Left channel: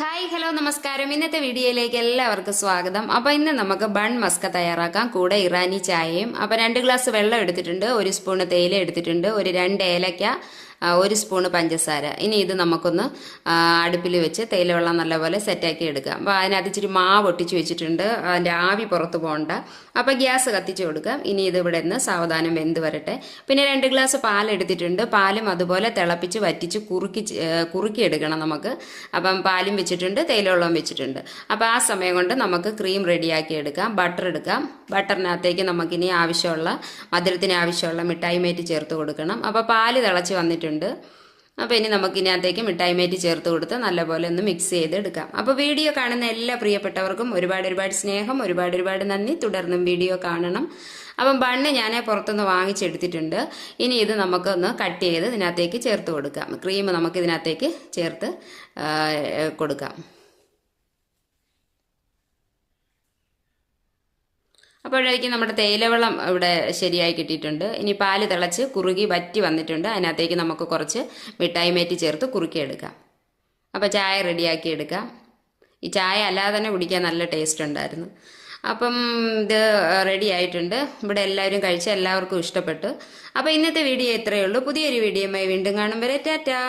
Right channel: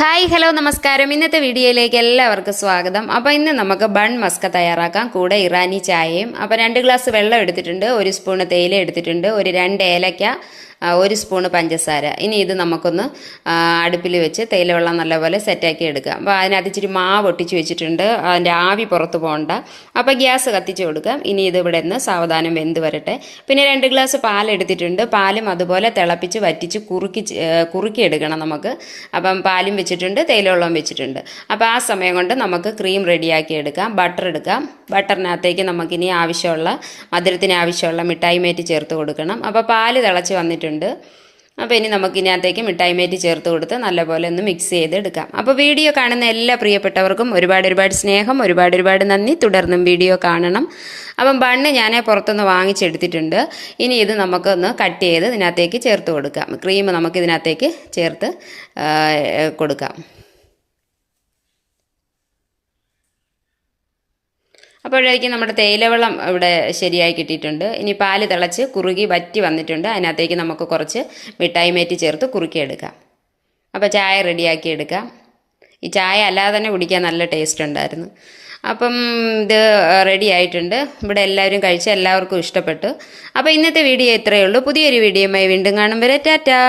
Hi hello നമസ്കാരം. ഇന്നത്തെ വീഡിയോയിലേക്ക് എല്ലാവർക്കും സ്വാഗതം. അപ്പോൾ ഇന്ന് നമുക്ക് ബൺ മസ്ക തയ്യാറാക്കാം. കൂടെ ഇറാനി ചായയും. അപ്പോൾ 2 ഗ്ലാസ് വെള്ളം എടുത്തിട്ടുണ്ട്, 1 സ്പൂൺ തേയില എടുത്തിട്ടുണ്ട്, ഒരു 2 ഏലക്ക, 1 സ്പൂൺ പഞ്ചസാര. ഇനി ഇത് നമുക്കൊന്ന് അടുപ്പിൽ വെച്ച് തേയില വെള്ളം നല്ലപോലെ സെറ്റാക്കി എടുക്കാം. അപ്പോൾ അതിനകത്ത് ഇച്ചിരി മാവ് ഒട്ടിച്ച് വെച്ചിട്ടുണ്ട്, അതിൻ്റെ ആവി പുറത്ത് പോകണ്ട. അപ്പോൾ ഗ്യാസ് കത്തിച്ച് കൊടുക്കാം. ഇനി ഇത് ഇവിടെ നിന്ന് സാവധാനം വെന്ത് വരട്ടെ. പിന്നെ 2 ഗ്ലാസ് പാൽ എടുത്തിട്ടുണ്ട്. പാലും അതുപോലെ തിളപ്പിച്ച് വറ്റിച്ച് കുറുക്കി എടുക്കണം നമുക്ക്. അപ്പം പാലും വെച്ചിട്ടുണ്ട്, തേയില വെള്ളം വെച്ചിട്ടുണ്ട്. അപ്പോൾ ആ സമയം കൊണ്ട് നമുക്ക് ക്രീം റെഡിയാക്കി എടുക്കാം. ബട്ടർ എടുക്കാം. ബട്ടറിനകത്തേക്ക് നമുക്കിനി മധുരത്തിന് ആവശ്യമുള്ള മിഠായി മേറ്റ് ചേർത്ത് കൊടുക്കണം. അപ്പോൾ പാല് തിളച്ച് വന്നിട്ടുണ്ട്. അപ്പോൾ ഇനി നമുക്ക് ഇതിനകത്തേക്ക് മിഠായി മേറ്റ് ചേർത്ത് കൊടുത്ത് നല്ലപോലെ ഒന്ന് മിക്സ് ചെയ്തെടുക്കാം. അപ്പോൾ വീഡിയോ കാണുന്ന എല്ലാ പ്രിയപ്പെട്ടവർക്കും ഒരുപാട് സ്നേഹം, ഒരുപാട് നന്ദി. തുടർന്നും വീഡിയോ കാണണം. അപ്പം ബണ്ണ് ഞാൻ പുറത്തുനിന്ന് വാങ്ങിച്ചെടുത്തിട്ടുണ്ട്. ഇനി ഇത് നമുക്കൊന്ന് കട്ട് ചെയ്ത് ഇതിനകത്തേക്ക് ചേർത്ത് കൊടുക്കാം. ക്രീം നമുക്ക് ഇതിനകത്തേക്ക് ചേർത്ത് കൊടുക്കാം. അപ്പോഴേക്കും നമ്മുടെ തേയിലവെള്ളം ഇവിടെ ശരിയായി കിട്ടിയിട്ടുണ്ട്. ഇനി പാല് തിളച്ച് കുറുകി വറ്റി വന്നിട്ടുണ്ട്. അതിനകത്തേക്ക് നമുക്ക് കുറച്ച് മിഠായി മേറ്റ് ചേർത്ത് കുറുക്കിയെടുക്കാം. അപ്പോൾ ചായ റെഡിയാക്കി എടുക്കാം. ഈ ചായ അല്ലാതെ തന്നെ കുടിക്കാൻ നല്ല ടേസ്റ്റ് ഉണ്ടായിരുന്നു. അപ്പം ഇത് റെഡി ആയിട്ടുണ്ട്. ഇവിടെ എല്ലാവരും കഴിച്ച് എല്ലാവർക്കും ഇഷ്ടപ്പെട്ടു. അപ്പോൾ ഇന്നത്തെ വീഡിയോ ഇത്രയേ ഉള്ളൂ. പുതിയൊരു വീഡിയോയുമായി വീണ്ടും കാണും വരെ ടാറ്റാ.